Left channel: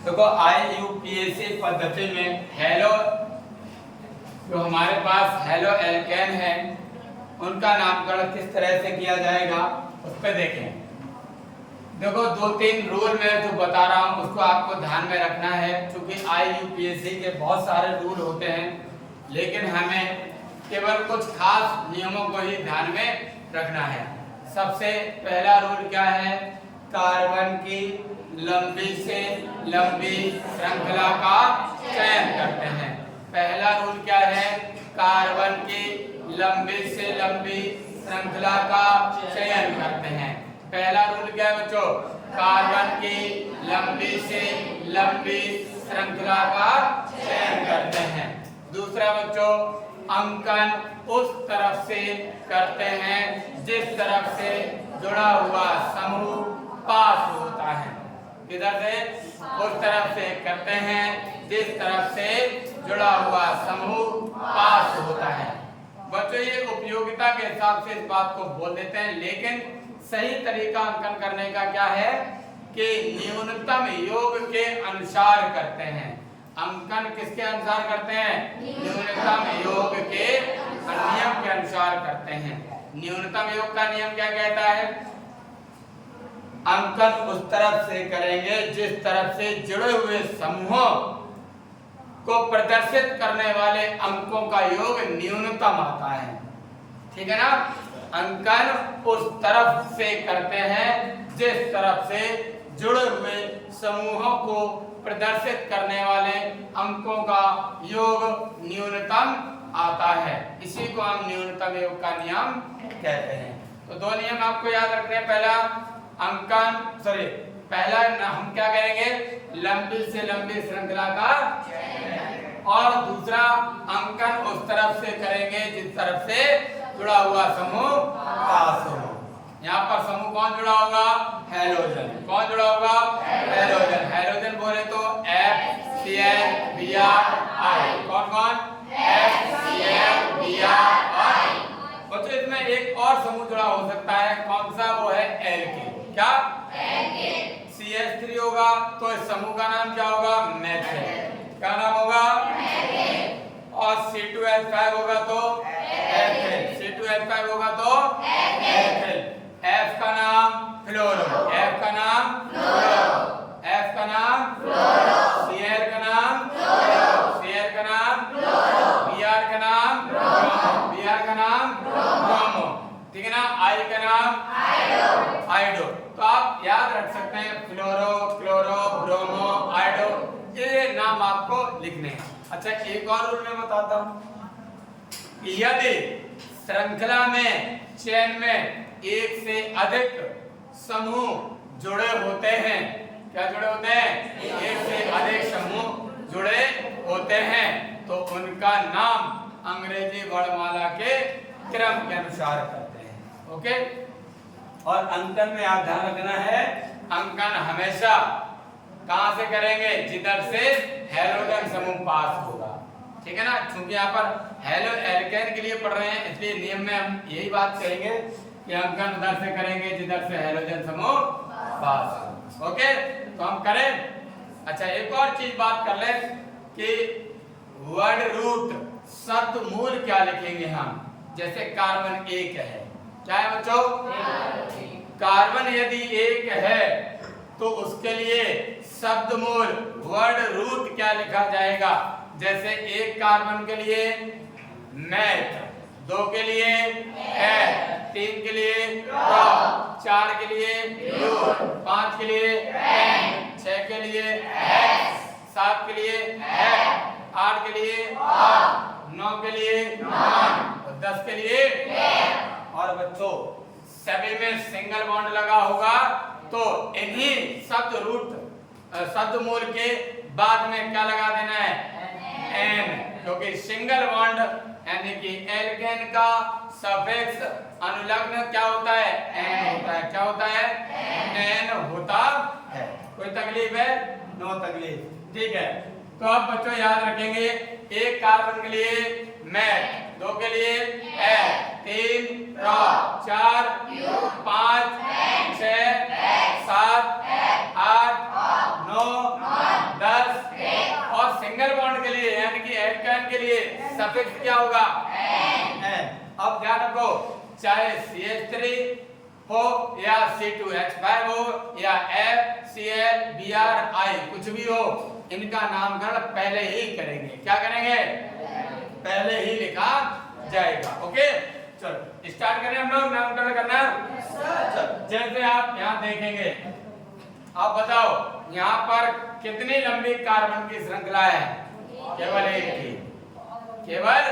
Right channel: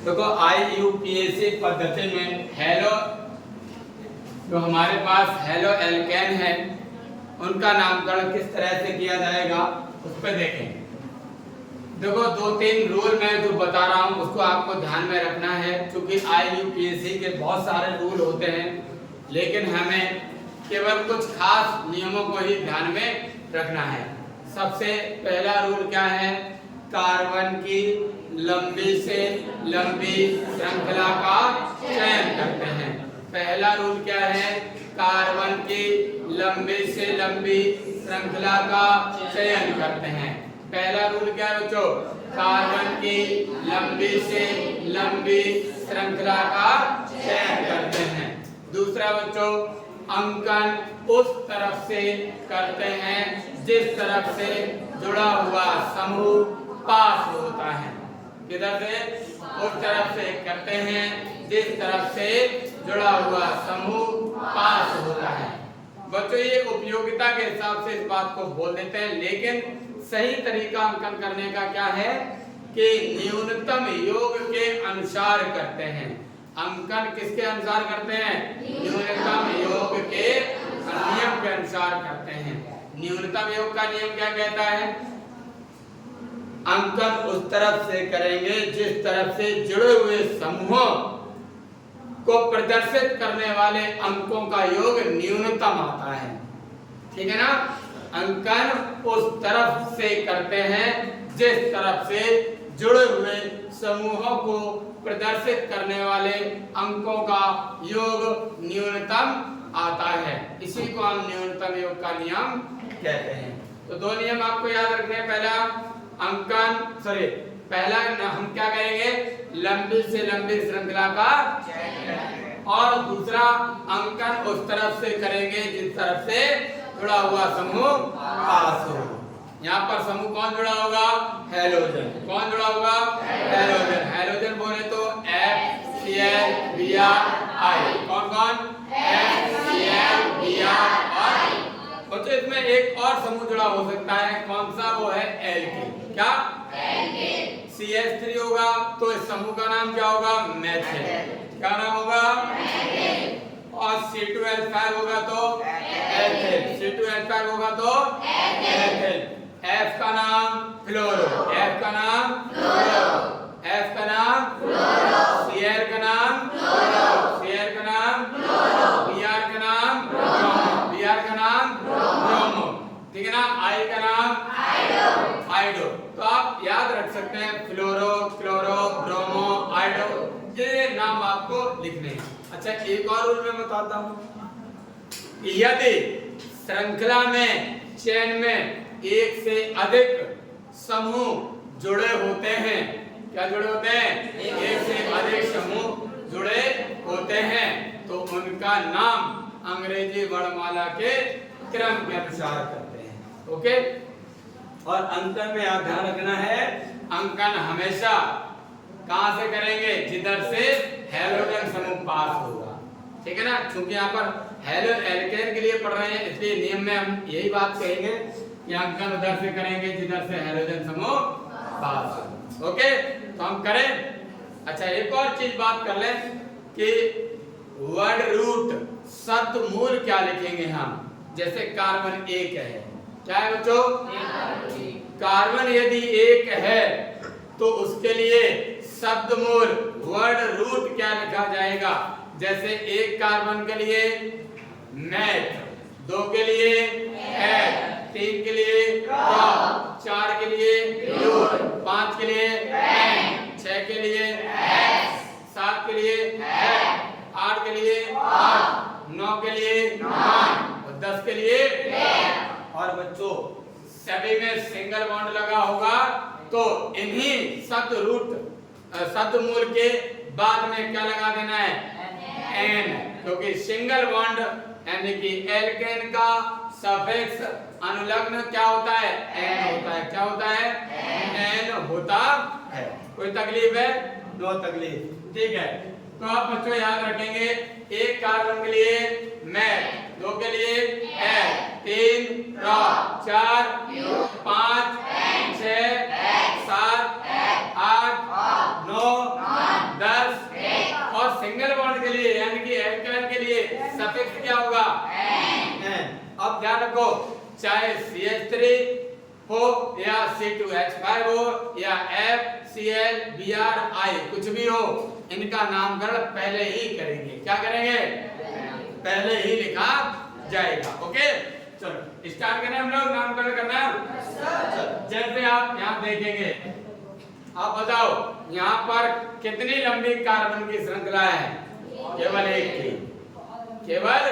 देखो IUPAC पद्धति में हेलो जो हमारे पास हेलो एल्केन है उनका नामकरण किस तरह से किया जाएगा उस पर देखें। देखो 2-3 रूल मैं जो बता रहा हूँ उसको आपको ध्यान में रखना है, क्योंकि IUPAC के बहुत सारे रूल होते हैं लेकिन हमें केवल कुछ खास नियमों को ही ध्यान में रखना है। सबसे पहला रूल क्या है? कार्बन की लंबी से लंबी श्रृंखला का चयन करते हैं। पहला रूल क्या है? कार्बन की लंबी से लंबी श्रृंखला का चयन करते हैं। पहला रूल क्या है बच्चों? कार्बन की लंबी से लंबी श्रृंखला का चयन करते हैं। दूसरा बच्चों, अंकन उस तरफ से करते हैं जिस तरफ से जुड़ा हुआ समूह पास होता है। किधर से? उस तरफ से करते हैं जिस तरफ से जुड़ा हुआ समूह पास होता है। बच्चों ये उपयोगिता के हिसाब से इस बात को बोल देते हैं, लेकिन सही तरीका अंकन करने का क्या है कि न्यूनतम योग के अनुसार करते हैं। अंकन किसके अनुसार करते हैं? न्यूनतम योग के नियम के अनुसार करते हैं। न्यूनतम योग का नियम क्या कहता है? अंकन उस तरफ से करेंगे जिस तरफ से जुड़े हुए समूहों को प्रदर्शित करने वाले अंकों का योग न्यूनतम आता है। ठीक है ना? अंकन उस तरफ से करते हैं जिस तरफ से जुड़े हुए समूहों को प्रदर्शित करने वाले अंकों का योग न्यूनतम आता है। इसी को हम न्यूनतम योग का नियम कहते हैं। तो दो नियम आपको याद रखने हैं। पहला हम क्या करेंगे? लंबी से लंबी श्रृंखला का, और दूसरा अंकन उस तरफ से करेंगे जिस तरफ से जुड़ा हुआ समूह पास हो। यहाँ पर समूह कौन जुड़ा होगा? हैलोजन। कौन जुड़ा होगा? हैलोजन। हैलोजन बोले तो FCl, Br, I। कौन कौन? FCl, Br और I। बच्चों इसमें एक और समूह जुड़ा हो सकता है। कौन सा? वो है एल्केन। क्या? एल्केन। CH3 होगा तो इस समूह का नाम क्या होगा? मेथिल। क्या नाम होगा? मेथिल। और C2H5 होगा तो एथिल। C2H5 होगा तो एथिल। F का नाम फ्लोरो। F का नाम फ्लोरो। F का नाम फ्लोरो। Cl का नाम फ्लोरो। Cl का नाम फ्लोरो। Br का नाम ब्रोमो। Br का नाम ब्रोमो। ठीक है ना? I का नाम आइडो। आइडो। तो आप याद रख सकते हैं फ्लोरो, क्लोरो, ब्रोमो, आइडो, ये नाम आपको लिखने हैं। अच्छा एक और रूल मैं बताता हूँ। यदि श्रृंखला में चेन में एक से अधिक समूह जुड़े होते हैं, क्या जुड़े होते हैं? एक से अधिक समूह जुड़े होते हैं तो उनका नाम अंग्रेजी वर्णमाला के क्रम के अनुसार करते हैं। ओके? और अंकन में आप ध्यान रखना है, अंकन हमेशा कहां से करेंगे? जिधर से हैलोजन समूह पास होगा। ठीक है ना? क्योंकि यहाँ पर हेलो एल्केन के लिए पढ़ रहे हैं इसलिए नियम में हम यही बात कहेंगे कि अंकन उधर से करेंगे जिधर से हैलोजन समूह पास हो। ओके? तो हम करें। अच्छा एक और चीज बात कर लें कि वर्ड रूट शब्द मूल क्या लिखेंगे हम? जैसे कार्बन एक है। क्या है बच्चों? कार्बन यदि एक है तो उसके लिए शब्द मूल वर्ड रूट क्या लिखा जाएगा? जैसे एक कार्बन के लिए मैथ, 2 के लिए एथ, 3 के लिए प्रॉप, 4 के लिए यूर, 5 के लिए पेन, 6 के लिए हेक्स, 7 के लिए हेक, 8 के लिए ऑक्ट, 9 के लिए नॉन और 10 के लिए पेयर। और बच्चों सभी में सिंगल बॉन्ड लगा होगा तो इन्हीं शब्द मूल के बाद में क्या लगा देना है? एन, क्योंकि सिंगल बॉन्ड यानी कि एल्केन का सफिक्स अनुलग्न क्या होता है? एन होता है। क्या होता है? एन होता है। कोई तकलीफ है? नो तकलीफ। ठीक है? तो आप बच्चों याद रखेंगे एक कार्बन के लिए मैथ, 2 के लिए एथ, 3 प्रॉप, 4 5 6 7 8 9 सिंगल बॉन्ड के लिए यानी कि एल्काइल के लिए सफिक्स क्या होगा? एन। अब ध्यान रखो, चाहे CH3 हो या C2H5 हो या FClBrI कुछ भी हो, इनका नामकरण पहले ही करेंगे। क्या करेंगे? पहले ही लिखा जाएगा। ओके, चलो स्टार्ट करें हम लोग नामकरण करना। जैसे आप यहाँ देखेंगे, आप बताओ यहाँ पर कितनी लंबी कार्बन की श्रृंखला है? केवल एक की, केवल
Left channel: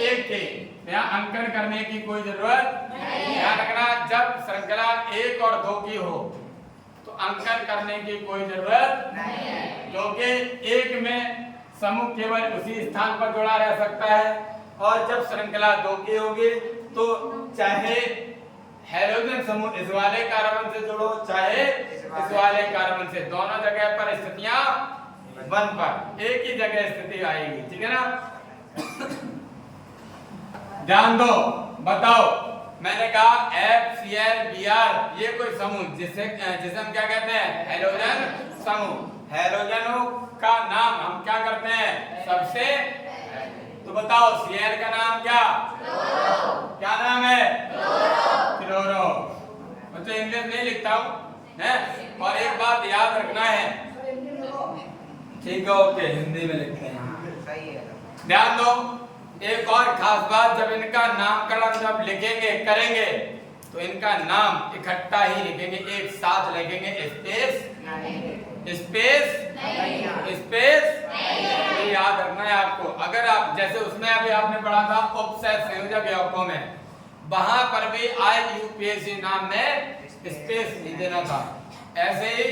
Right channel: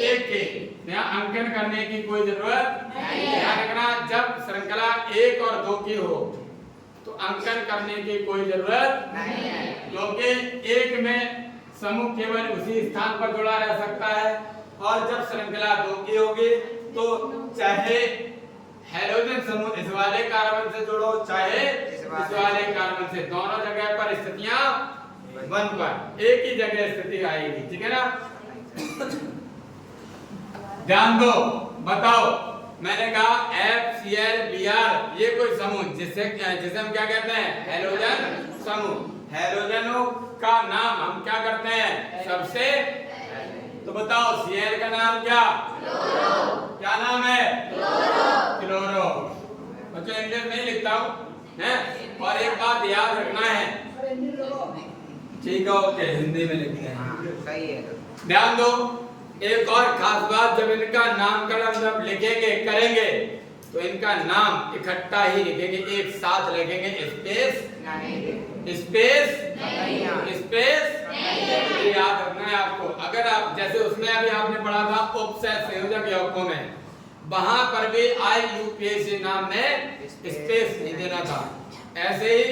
एक की। यहाँ अंकन करने की कोई जरूरत नहीं। ध्यान रखना, जब श्रृंखला 1 और 2 की हो तो अंकन करने की कोई जरूरत नहीं, क्योंकि एक में समूह केवल उसी स्थान पर जुड़ा रह सकता है, और जब श्रृंखला 2 की होगी तो चाहे हैलोजन समूह इस वाले कार्बन से जुड़ो चाहे इस वाले कार्बन से, दोनों जगह पर स्थितियां 1 पर एक ही जगह स्थिति आएगी। ठीक है ना? ध्यान दो, बताओ, मैंने कहा FClBr ये कोई समूह जिसे हम क्या कहते हैं? हैलोजन समूह। हैलोजनों का नाम हम क्या करते हैं? सबसे। तो बताओ Cl का नाम क्या? क्लोरो। क्या नाम है? क्लोरो। बच्चों इंग्लिश नहीं लिखता हूँ है, और एक बात याद रखना है, ठीक है? ओके, हिंदी में लिखते हैं। ध्यान दो, एक और खास बात, जब इनका नामकरण जब लिखेंगे करेंगे तो इनका नाम इकट्ठा ही लिखेंगे, एक साथ लिखेंगे, स्पेस स्पेस स्पेस। ये याद रखना है आपको। अगर आप जैसे उसमें अभी आपने पढ़ा था उपसय संयोजक यौगिकों में, वहां पर भी IUPAC नाम में स्पेस नहीं देना था, ऐसे ही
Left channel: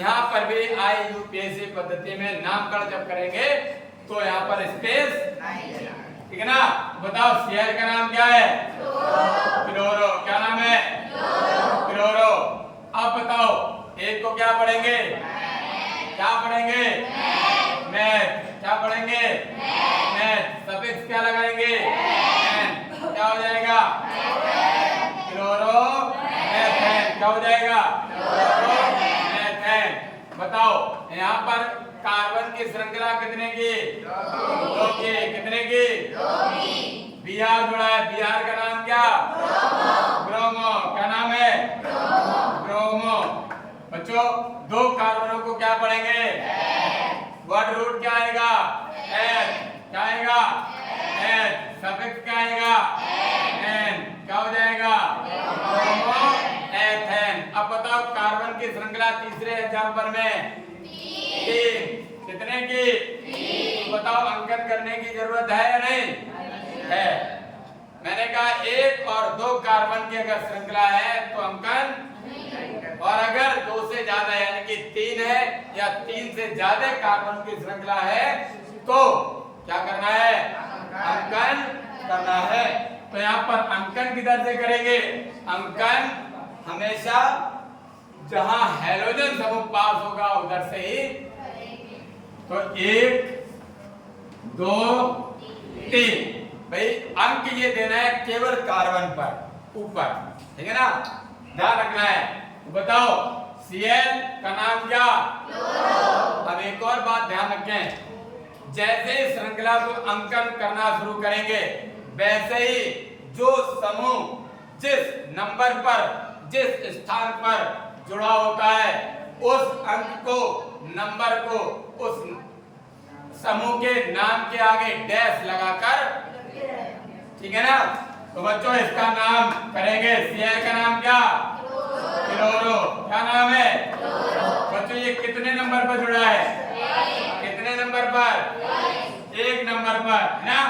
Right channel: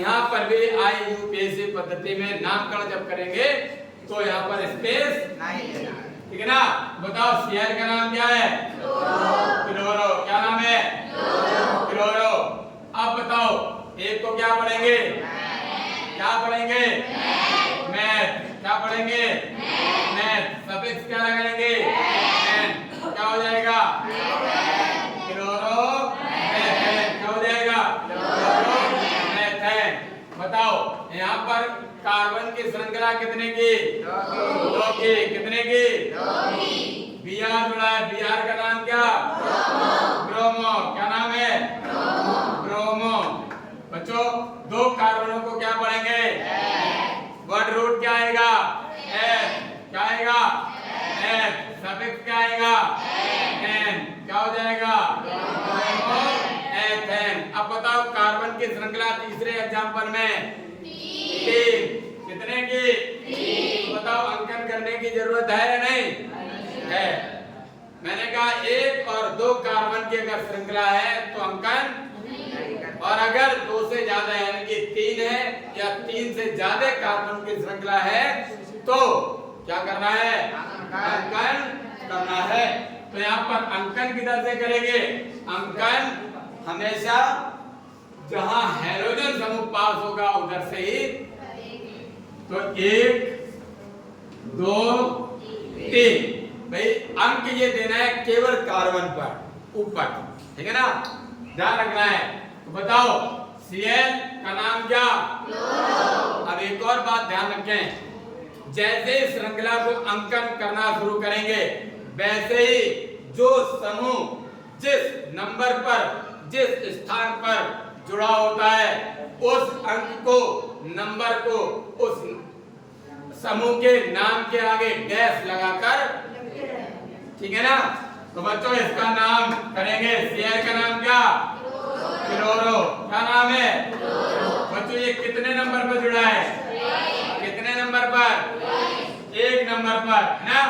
यहाँ पर भी IUPAC पद्धति में नामकरण जब करेंगे तो यहाँ पर स्पेस, ठीक है ना? बताओ Cl का नाम क्या है? क्लोरो। क्या नाम है? क्लोरो। अब बताओ एक को क्या पढ़ेंगे? क्या पढ़ेंगे? मैथ। क्या पढ़ेंगे? मैथ। सफिक्स क्या लगाएंगे? एन। क्या हो जाएगा? Chloro methane. क्या हो जाएगा? Chloro methane. बताओ यहाँ पर कार्बन की श्रृंखला कितने की? 2 की। कितने की? 2 की। Br जुड़ा है, Br का नाम क्या? ब्रोमो। क्या नाम है? ब्रोमो। बच्चों 2 कार्बनों को क्या पढ़ेंगे? वर्ड रूट क्या आएगा? H। क्या आएगा? H। सफिक्स क्या आएगा? N। क्या हो जाएगा? Bromo ethane. अब बताओ कार्बन की श्रृंखला तीसरे एग्जाम्पल में 3। कितने की? 3। बताओ अंकन करने की जरूरत है या नहीं है? मैंने कहा 1 और 2 कार्बन की अगर श्रृंखला है तो अंकन, और अगर 2 से ज्यादा यानी कि 3 है या 3 से ज्यादा कार्बन की श्रृंखला है तो क्या करना है? अंकन करना है। तो यहाँ पर अंकन किधर से करेंगे? अंकन हमेशा जहां हैलोजन समूह पास होगा उधर से ही। तो 1 2 3 भाई अंक ये देना है केवल कार्बन पर ऊपर, ठीक है ना? ध्यान रखना है। तो बताओ Cl का नाम क्या? क्लोरो। अब एक और बात ध्यान रखें, जैसे ही श्रृंखला को अंकन करना शुरू करेंगे वैसे ही जो समूह जिस नंबर पर जिस स्थान पर जुड़ा होता है उस अंक को, नंबर को उस समूह के नाम के आगे डैश लगाकर, ठीक है ना? तो बच्चों इसका नाम करेंगे Cl का नाम क्या? क्लोरो। क्या नाम है? बच्चों ये कितने नंबर पर जुड़ा है? कितने नंबर पर? 1 नंबर पर, है ना?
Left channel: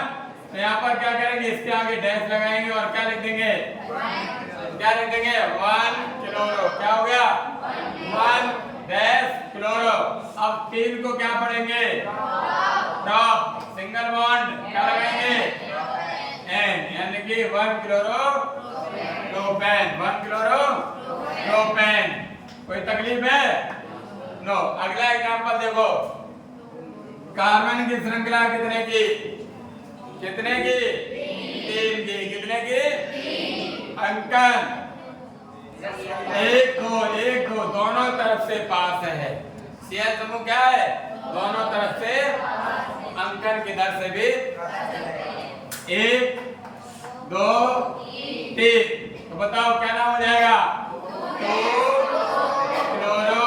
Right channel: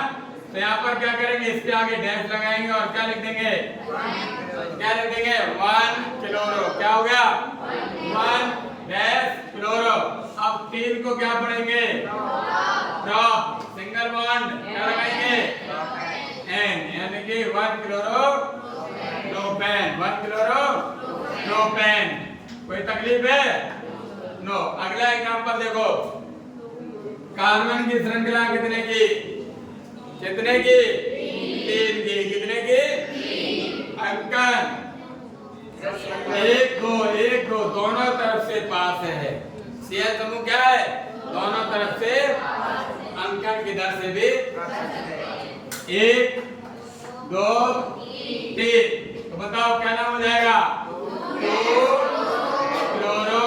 तो यहाँ पर क्या करेंगे? इसके आगे डैश लगाएंगे और क्या लिख देंगे? क्या लिख देंगे? 1 क्लोरो। क्या हो गया? 1 डैश क्लोरो। अब 3 को क्या पढ़ेंगे? टॉप। सिंगल बॉन्ड क्या लगाएंगे? एन, यानी कि 1 क्लोरो प्रोपेन। 1 chloro propane. कोई तकलीफ है? नो। अगला एग्जांपल देखो, कार्बन की श्रृंखला कितने की? कितने की? 3 की। कितने की? अंकन 1 2 दोनों तरफ से पास है। Cl समूह क्या है? दोनों तरफ से अंकन किधर से भी 1 2 3। तो बताओ क्या नाम हो जाएगा? 2 क्लोरो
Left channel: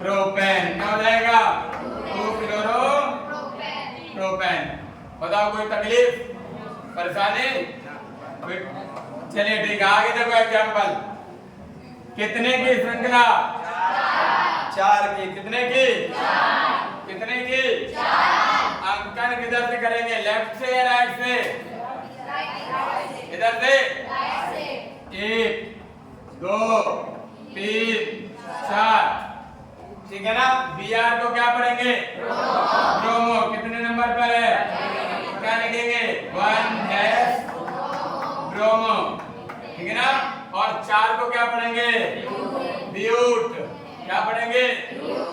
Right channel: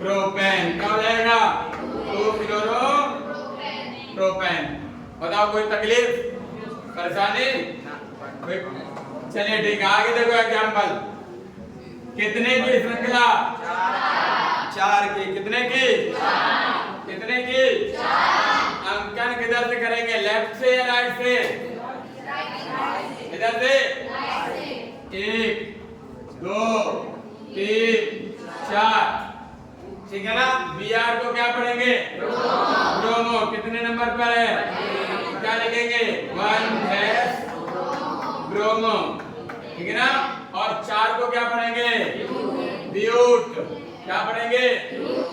प्रोपेन। क्या हो जाएगा? 2 क्लोरो प्रोपेन। बताओ कोई तकलीफ परेशानी कोई? चलिए ठीक है, आगे देखो एग्जाम्पल। कितने की श्रृंखला? 4 की। कितने की? कितने की? अंकन किधर से करेंगे? लेफ्ट से या राइट से? इधर से। 1 2 3 4। ठीक है ना? Br को क्या पढ़ेंगे? ब्रोमो। कितने नंबर पर है? क्या लिखेंगे? 1 डैश ब्रोमो। ठीक है ना? और 4 को क्या पढ़ेंगे? ब्यूट। क्या पढ़ेंगे?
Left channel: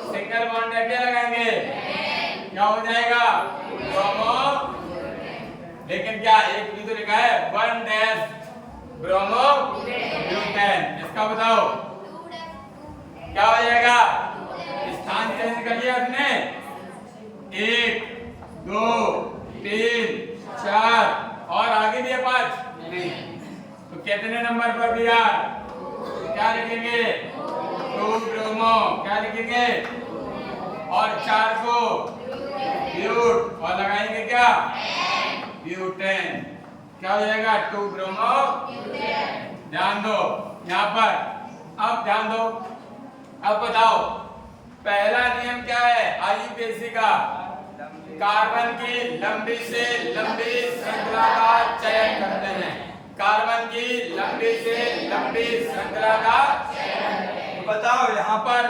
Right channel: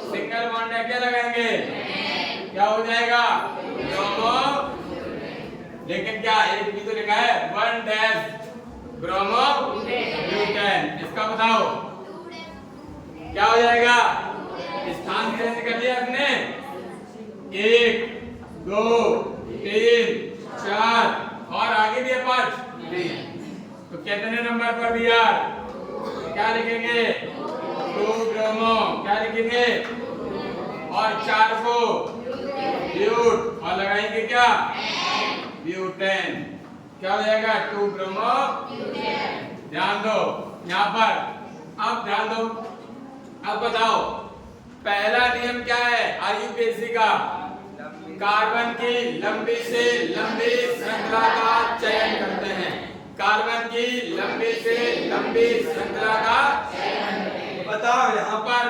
सिंगल बॉन्ड है, क्या लगाएंगे? क्या हो जाएगा? ब्रोमो। लेकिन क्या एक भी तो लिखा है 1 डैश ब्रोमो ब्यूटेन। इसका बताओ क्या हो जाएगा? स्थान चेंज कर लिया आपने। 1 2 3 4 और आगे दिया 5 3। तो कितने नंबर पर भी यार क्या लिखेंगे? 2 ब्रोमो। क्या लिखेंगे? और 4 को ब्यूट और लगाएंगे क्या? ब्यूटेन। क्या हो जाएगा? 2 ब्रोमो ब्यूटेन। ध्यान दो यहाँ पर। अब ध्यान दो, अब बताओ पहला नियम क्या है IUPAC का? कार्बन की लंबी से लंबी श्रृंखला का चयन करते हैं। कार्बन की लंबी से लंबी श्रृंखला का। तो बताओ यहाँ पर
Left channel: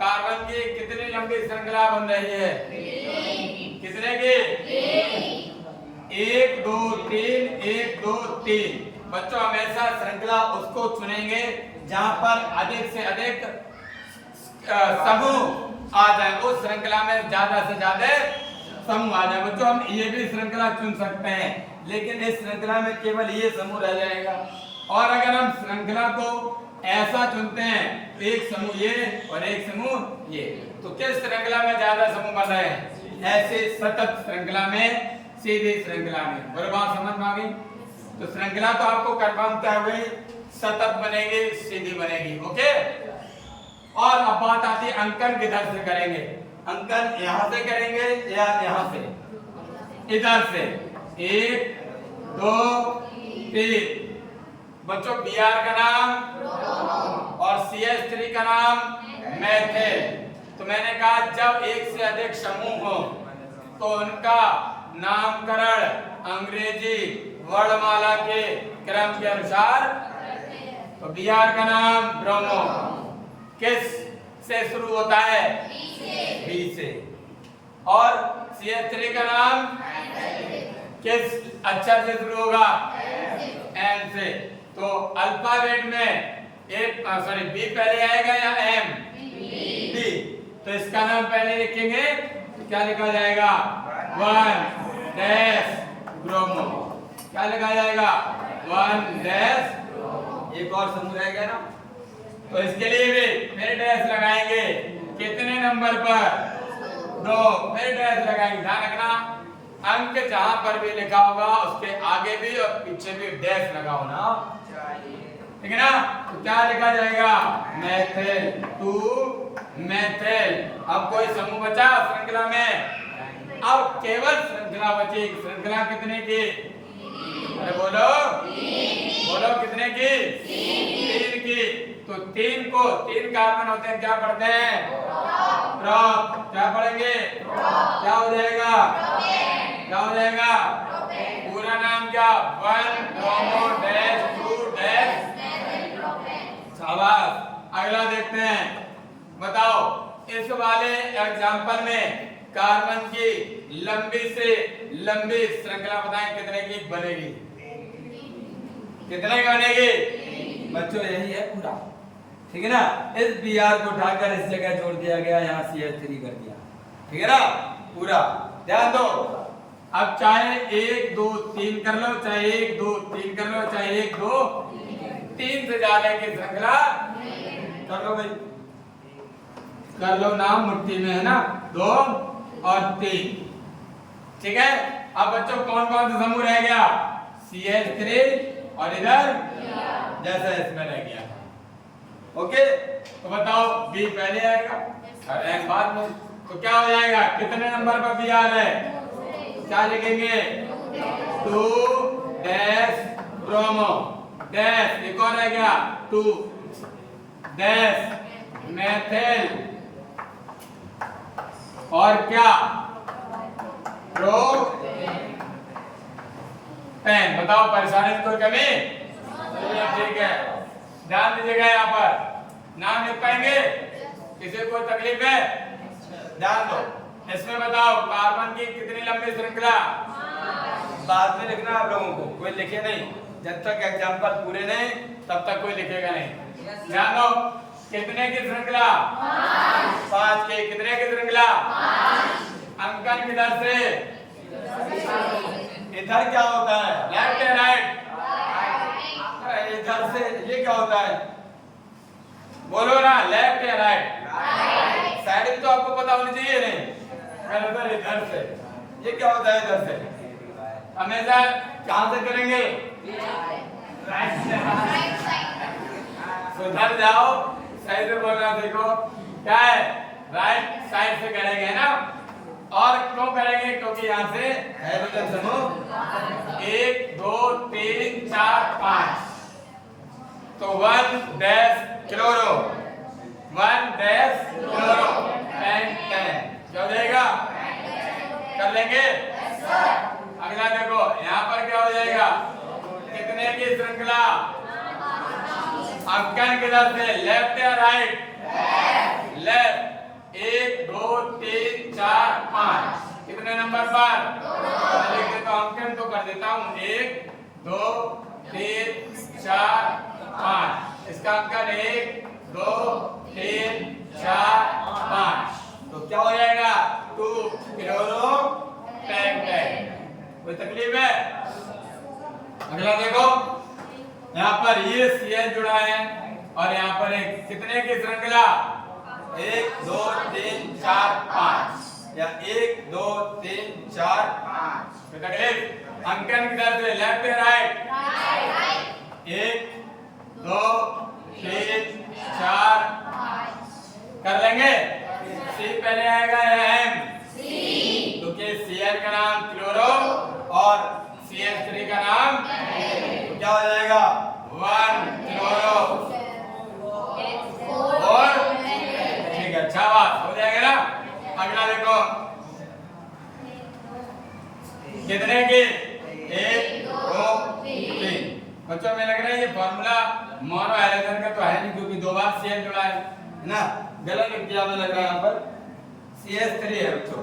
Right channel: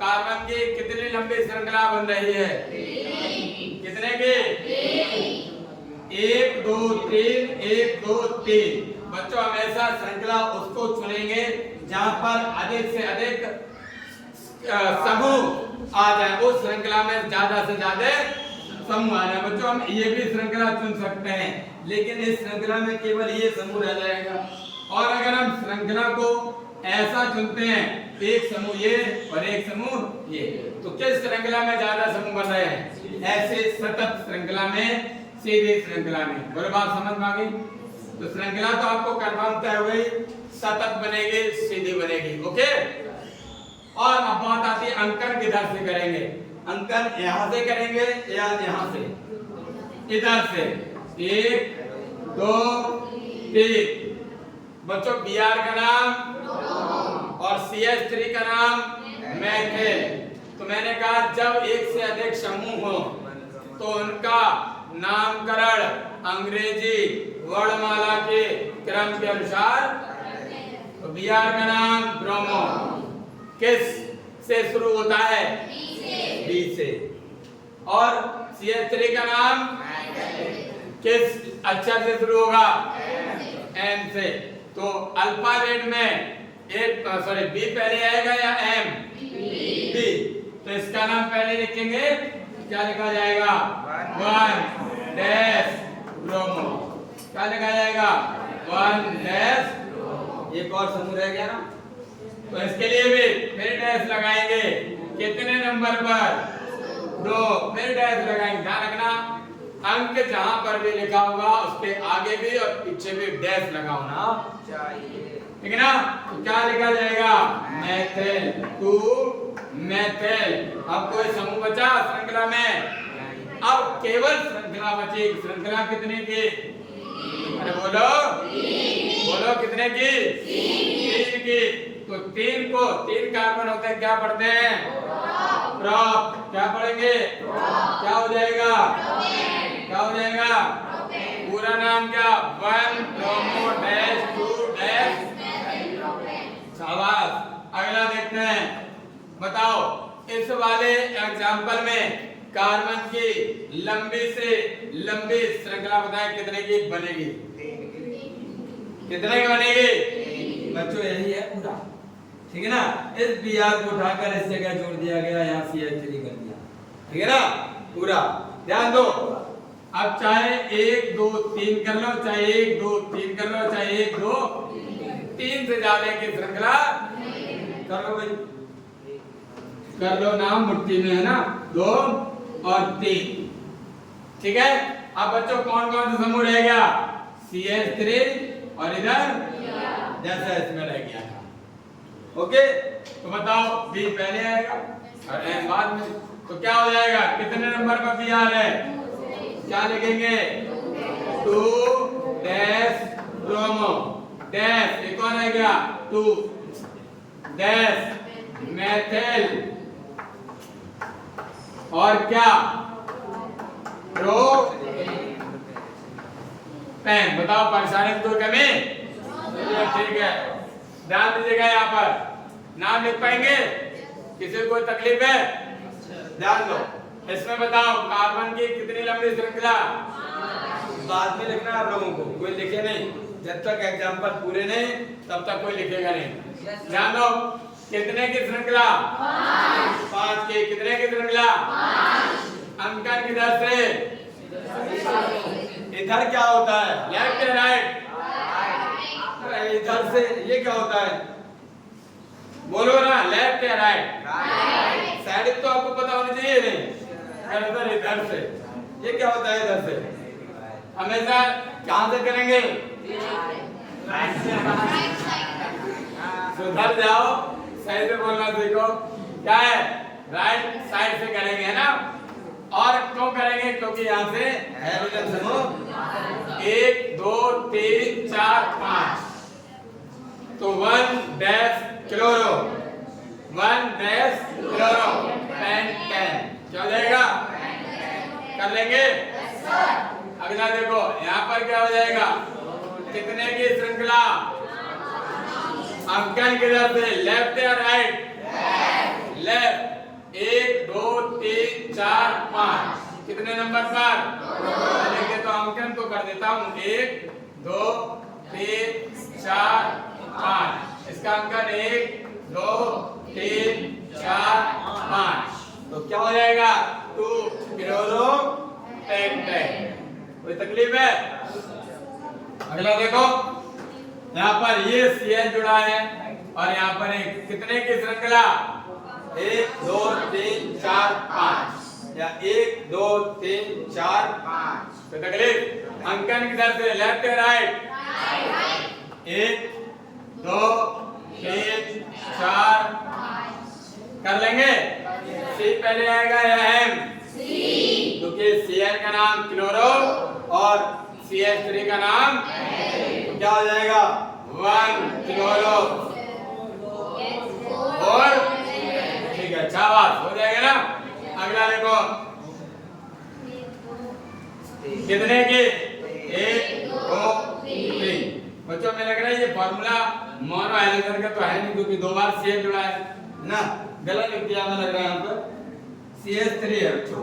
कार्बन की कितनी लंबी श्रृंखला बन रही है? कितने की? 1 2 3 1 2 3। बच्चों हमेशा श्रृंखला उसको चुनेंगे जहां पर अधिक से अधिक समूह आ जाए। उस श्रृंखला में ज्यादा से ज्यादा समूह आ जाए। बच्चों हम ये भी श्रृंखला चुन सकते हैं, लेकिन इस श्रृंखला में केवल ये समूह रह जाएगा। और अगर हम श्रृंखला को ऐसा चुनते हैं, एक समूह ये और एक समूह ये, तो किस श्रृंखला में ज्यादा समूह बन रहे हैं? ऐसे सतत श्रृंखला में, सीधी श्रृंखला में। बोले बात समझ में आ गई? तो श्रृंखला तो आपको कंफर्म तय हुई, सतत बनेगी, सीधी बनेगी। ओके। और अब बात आती है अंकन किधर से करेंगे? अंकन यहां से करेंगे या यहां से? इधर से। 1 2 3। बच्चों Br का नाम और CH3 का नाम मैथिल। तो मैंने कहा जब एक से अधिक समूह हो तो उनका नामकरण अंग्रेजी वर्णमाला के क्रम के अनुसार। तो Br का नाम ब्रोमो किस से शुरू होता है? B से। और CH3 का नाम किस अक्षर से शुरू होगा? M से। तो अल्फाबेट में B पहले आएगा या M? B। तो इसका नाम पहले लिखेंगे, क्या लिखा जाएगा? 1 डैश ब्रोमो। क्या लिखा जाएगा? 1 डैश। एक और समूह रह गया ना, तो इसके लिए भी फिर डैश लगाएंगे। कितने नंबर पर? 2। फिर डैश लगाएंगे। ध्यान रखना अंक जहां पर भी लिखा होगा उसके आगे भी और पीछे भी डैश लगाओ ना, ठीक है ना? तो क्या लिखा जाएगा? मैथिल। 2 मैथिल। अब कोई समूह बचा श्रृंखला में? अब केवल श्रृंखला बची। श्रृंखला कितने की? अरे बोलो बोलो कितने की? 3 की। तो 3 को 3 कार्बन होते हैं, क्या पढ़ते हैं? प्रोप। क्या पढ़ेंगे? क्या हो जाएगा? क्या हो जाएगा? पूरा नाम क्या? 1 ब्रोमो डैश 2 डैश। शाबाश। अगला देखते हैं। बताओ इस वाले एग्जाम्पल में कार्बन की लंबी से लंबी श्रृंखला बताएं कितने की बनेगी? कितने की बनेगी? बच्चों यही है पूरा, ठीक है ना? इस Br को उठाकर इस जगह जोड़ दिया गया, यहाँ CH3 कर दिया, ठीक है ना? पूरा ध्यान दो। अब चाहे 1 2 3 कर लो, चाहे 1 2 3 कर लो, चाहे 1 2 3 से ज्यादा की श्रृंखला कर लो भाई, कर लो। नाम मुट्ठी में है ना? 2 और 3। ठीक है, अब बच्चों कौन कौन सा समूह रह गया? CH3 और इधर जैसा इसमें रह गया था। ओके, तो बताओ बी पहले आएगा और एन बाद में, तो क्या हो जाएगा? कितने नंबर पर बी आ रहा है? क्या लिखेंगे? 2 डैश ब्रोमो डैश, ये कौन रह गया? 2 डैश मेथिल और क्या? Propane. बताओ परेशानी की कोई कमी? ठीक है, ध्यान दीजिएगा। यहाँ पर नाम लिख पाएंगे? किसी को तकलीफ है? ध्यान दो, इसमें बताओ कार्बन की कितनी लंबी श्रृंखला? बाद में लिखना आप लोगों को, कोई लिखे नहीं जब तक एग्जाम्पल पूरे नहीं, तब तक कोई लिखेगा नहीं। ध्यान दो, कितने की श्रृंखला? 5 की। कितने की श्रृंखला? अंकन किधर से? इधर क्या होता है? लेफ्ट या राइट? इधर से ये क्या होता है? बोलो ना, लेफ्ट या राइट? साइड भी तो आपको पता होनी चाहिए नहीं? इधर से ये क्या होता है? इधर से हमेशा कहां से करेंगे? राइट से। सुधर जाओ, सही से बोलना सीखो। क्या है? राइट साइड से करेंगे, है ना? और क्यों करेंगे? क्योंकि यहाँ से हाइड्रोजन समूह 1 2 3 4 5, तो 1 dash chloro 1 dash chloro pentane. क्या हो जाएगा? कर लेंगे? अगला देखो, यहाँ पर क्या हो जाएगा? कितने की श्रृंखला? अंकन किधर से? लेफ्ट या राइट? लेफ्ट। 1 2 3 4 5, कितने नंबर पर? लिख देता हूं, अंकन तो कर देता हूं। 1 2 3 4 5, इसका अंकन 1 2 3 4 5, तो क्या हो जाएगा? 2 क्लोरो पेंटेन। कोई तकलीफ है? अगला देखो, यहाँ पर ये CH जुड़ा है और यहाँ पर एक कितने की श्रृंखला? 1 2 3 4 5, या 1 2 3 4 5। कोई तकलीफ? अंकन किधर से? लेफ्ट या राइट? 1 2 3 4 कर लेंगे? C पहले आएगा या M? क्योंकि Cl का नाम क्लोरो और CH3 का नाम, तो क्या हो जाएगा? 1 क्लोरो और ठीक है, अच्छा बात हो जाएगा ना? अगला देखो, कितने की? 1 2 3। बच्चों में लग रहा है ये फॉर्मूला मोनो हाइड्रोजन का तो है नहीं, क्योंकि 2 बार CH जुड़ा है ना? गलत लिख दिया मैं, लग रहा है यहाँ पर CH3 है बच्चों,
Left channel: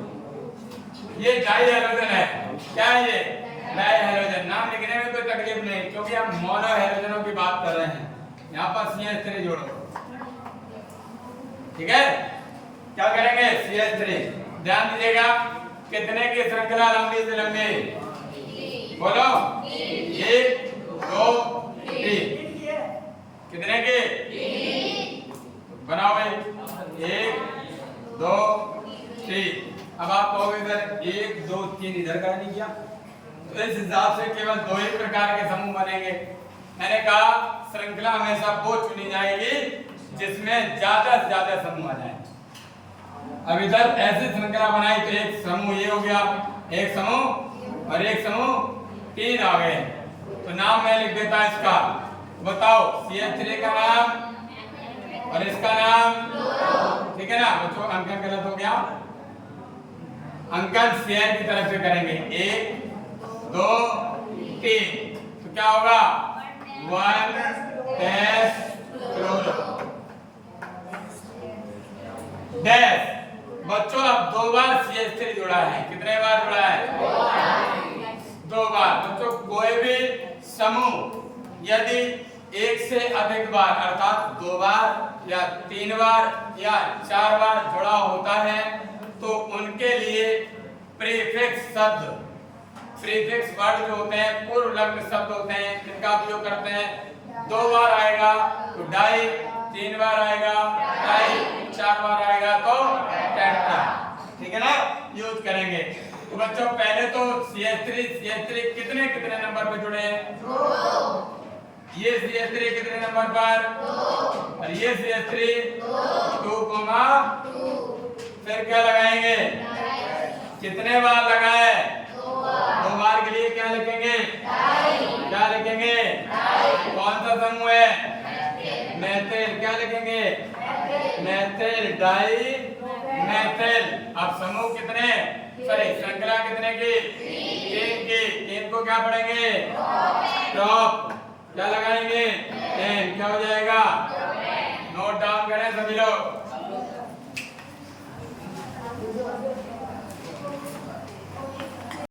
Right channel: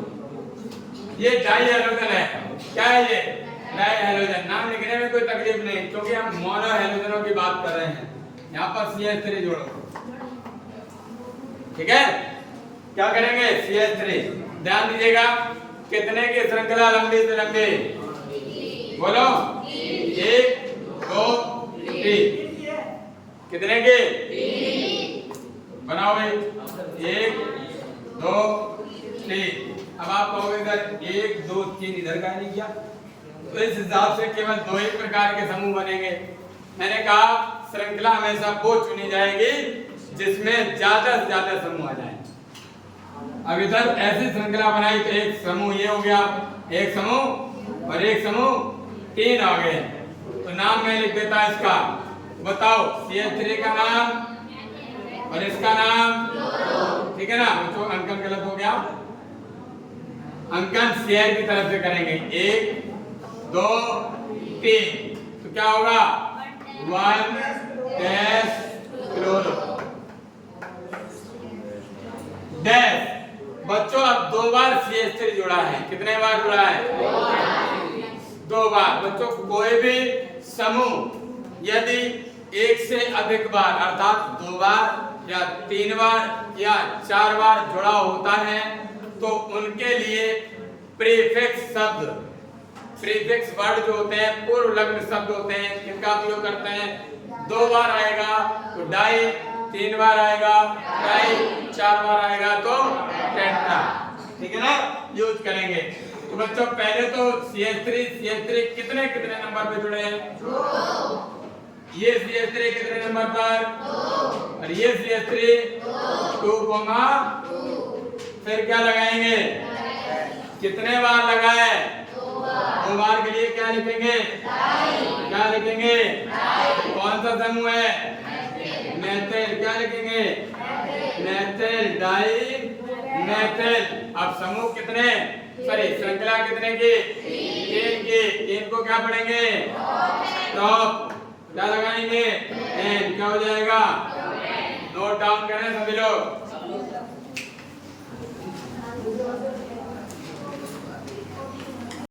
ये डाई हाइड्रोजन है। क्या है ये? Di hydrogen. नाम लिखने में कोई तकलीफ नहीं, क्योंकि हम मोनो हाइड्रोजनों की बात कर रहे हैं। यहाँ पर CH3 जोड़ो, ठीक है? क्या करेंगे? CH3। ध्यान दीजिएगा, कितने की श्रृंखला लंबी से लंबी? बोलो। 1 2 3, कितने की? बनाओ भाई। 1 2 3। अब आप कहोगे सर 1 2 3 इधर का नहीं किया, तो इस हिसाब से केवल 2 ही प्रकार के समूह बनेंगे। मैंने कहा श्रृंखला हमेशा वो चुनी जाएगी जिसमें ज्यादा से ज्यादा समूह आ जाए। अब इधर ऐसी श्रृंखला बनाई तो एक समूह ये हो गया, एक समूह और एक समूह, 3 आ गए। तो नाम मैं लिख देता इसका, बताओ CH3 का नाम और इसका नाम, ठीक है ना बच्चों? अंकन गलत हो गया, अंकन CH की तरफ से करेंगे। 1 2 3, तो क्या होगा? 1 डैश क्लोरो डैश। बच्चों अब 2 बार CH3 जुड़ा है। कितने बार जुड़ा है? 2 बार। बच्चों कोई भी समूह यदि 1 से अधिक बार अर्थात 2 बार या 3 बार या 4 बार जुड़ा होता है तो उनके लिए प्रीफिक्स शब्द, प्रीफिक्स वर्ड जो होते हैं, पूर्व लग्न शब्द होते हैं, इनका उपयोग करते हैं। 2 बार आएगा तो डाई, 3 बार आएगा डाई, 4 बार आएगा तो पेंटा, ठीक है ना? यूज करेंगे। तो बच्चों पहले तो CH3 कितने कितने नंबर पे जुड़े हैं? 2। ये CH3 कितने नंबर पर? 2। और ये CH3 2, 2। फिर क्या लगाएंगे? कितने बार लगाए? 2 बार के लिए क्या लिखेंगे? क्या लिखेंगे? कौन सा समूह है? मेथिल। क्या लिखेंगे? Methyl dimethyl. अब समूह कितने, सॉरी श्रृंखला कितने की? 3 की। 3 को क्या पढ़ेंगे? टॉप। क्या लगाएंगे? 10। क्या हो जाएगा? नोट डाउन करें सभी लोग।